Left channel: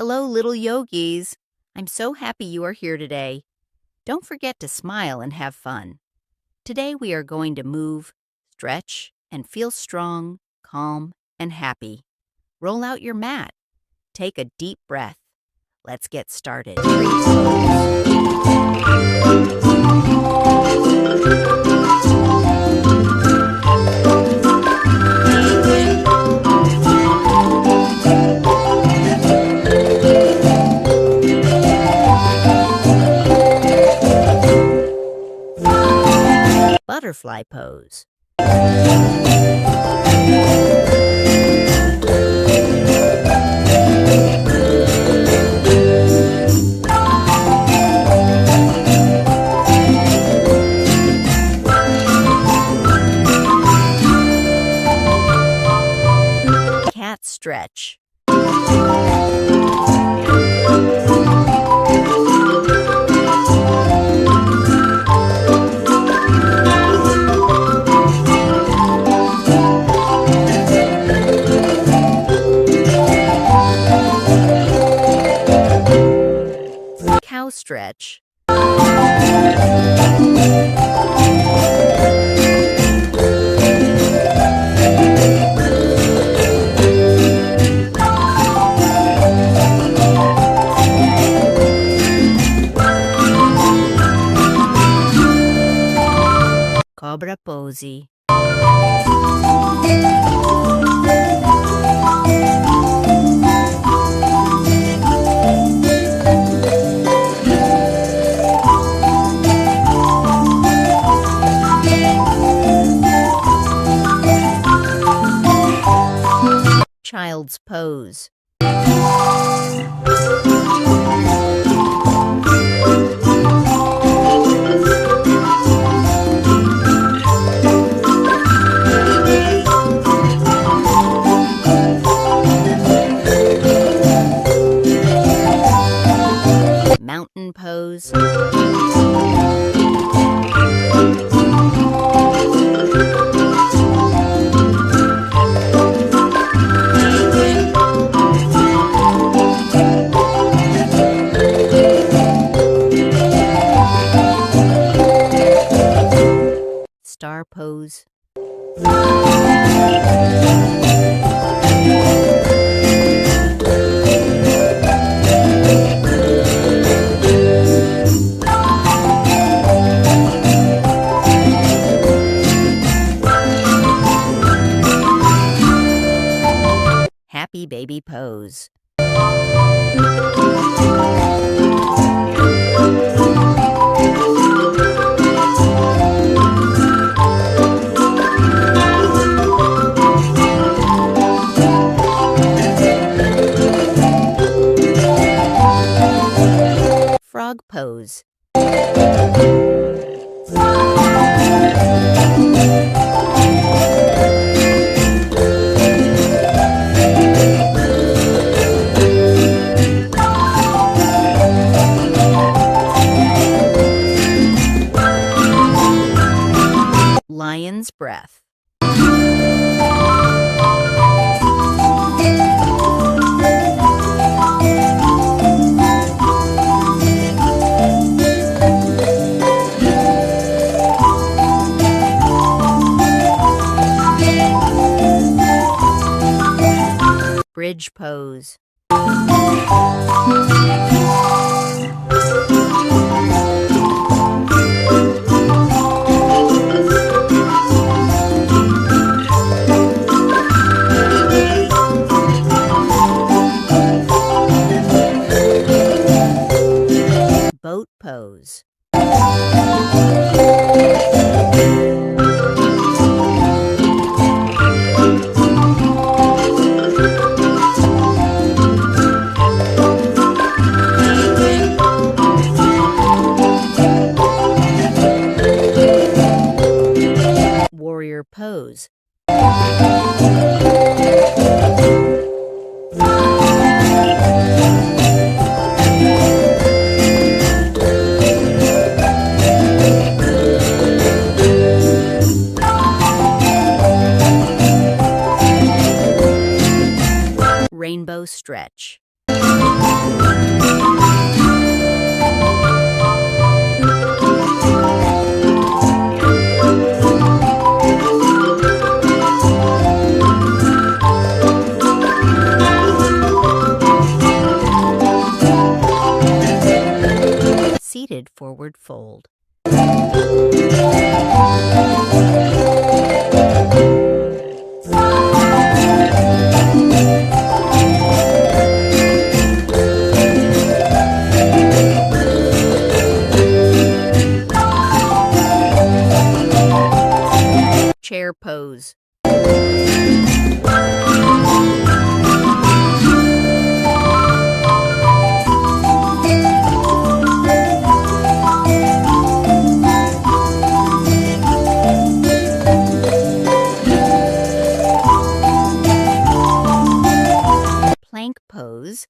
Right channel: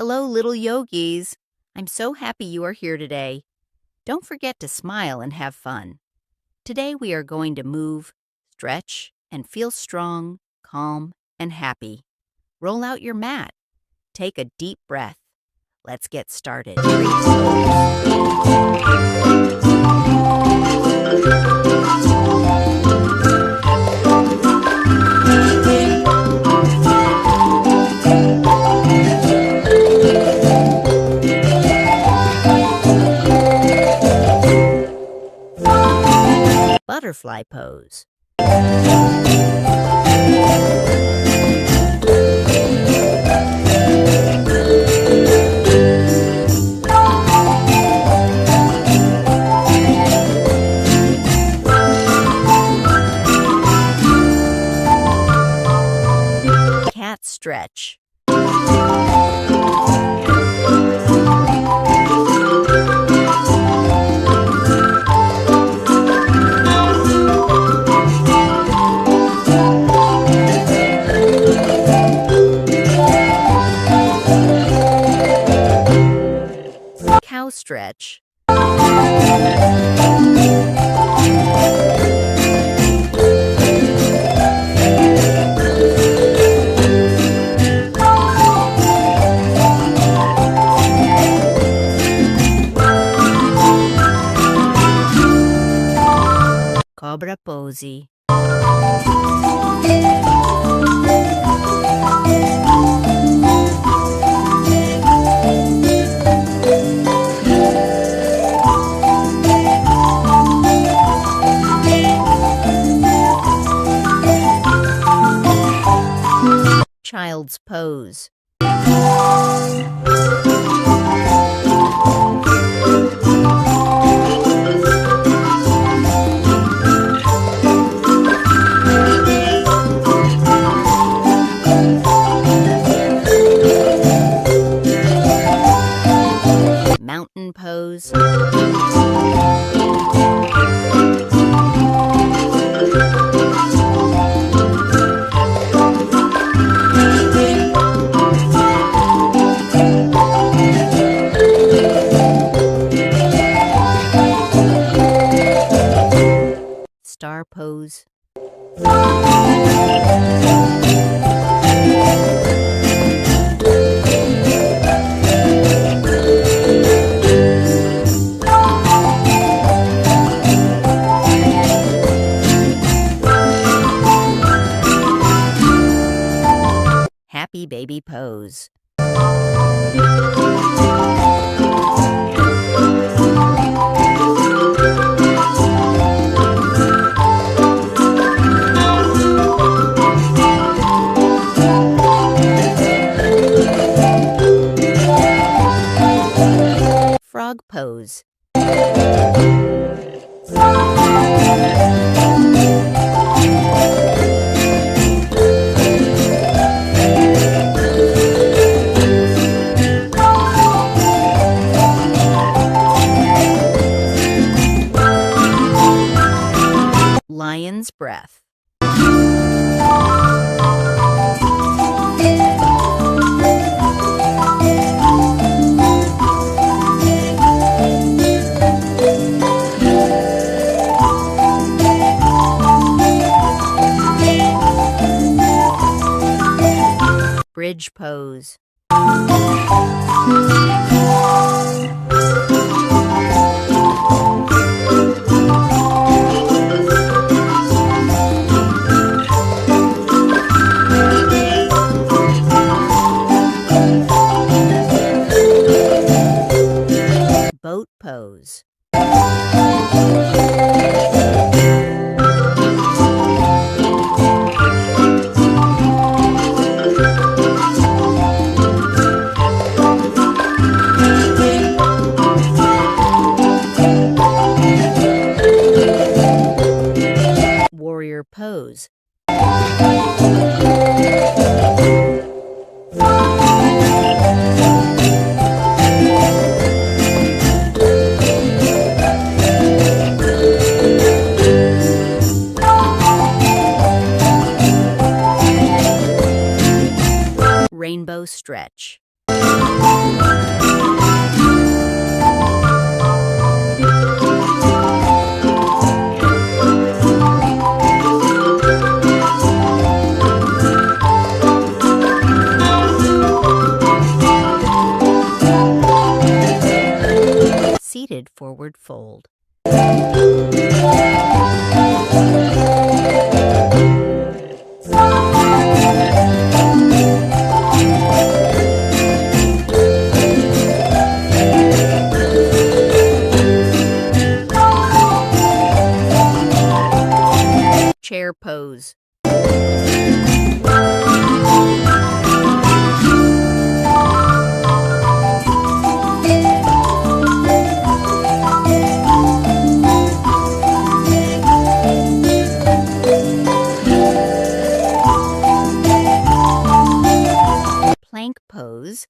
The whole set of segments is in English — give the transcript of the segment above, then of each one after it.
Hello, little yogis. I'm so happy you are here today. Don't forget to smile and have fun. Today we are going to move, stretch, and feel strong, calm, and happy. Roll out your mat. Take a deep breath. Let's get started. Tree pose. Butterfly pose. Cat stretch. Cow stretch. Cobra pose. Child's pose. Mountain pose. Star pose. Happy baby pose. Frog pose. Lion's breath. Bridge pose. Boat pose. Warrior pose. Rainbow stretch. downward fold. Chair pose. Plank pose.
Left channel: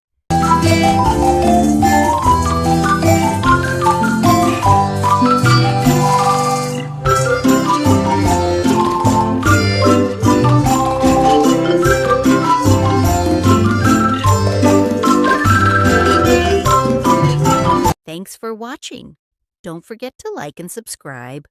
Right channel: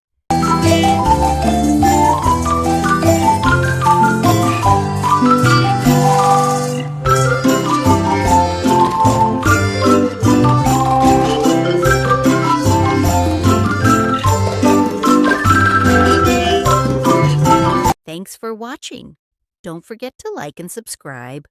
Thanks for watching. Don't forget to like and subscribe.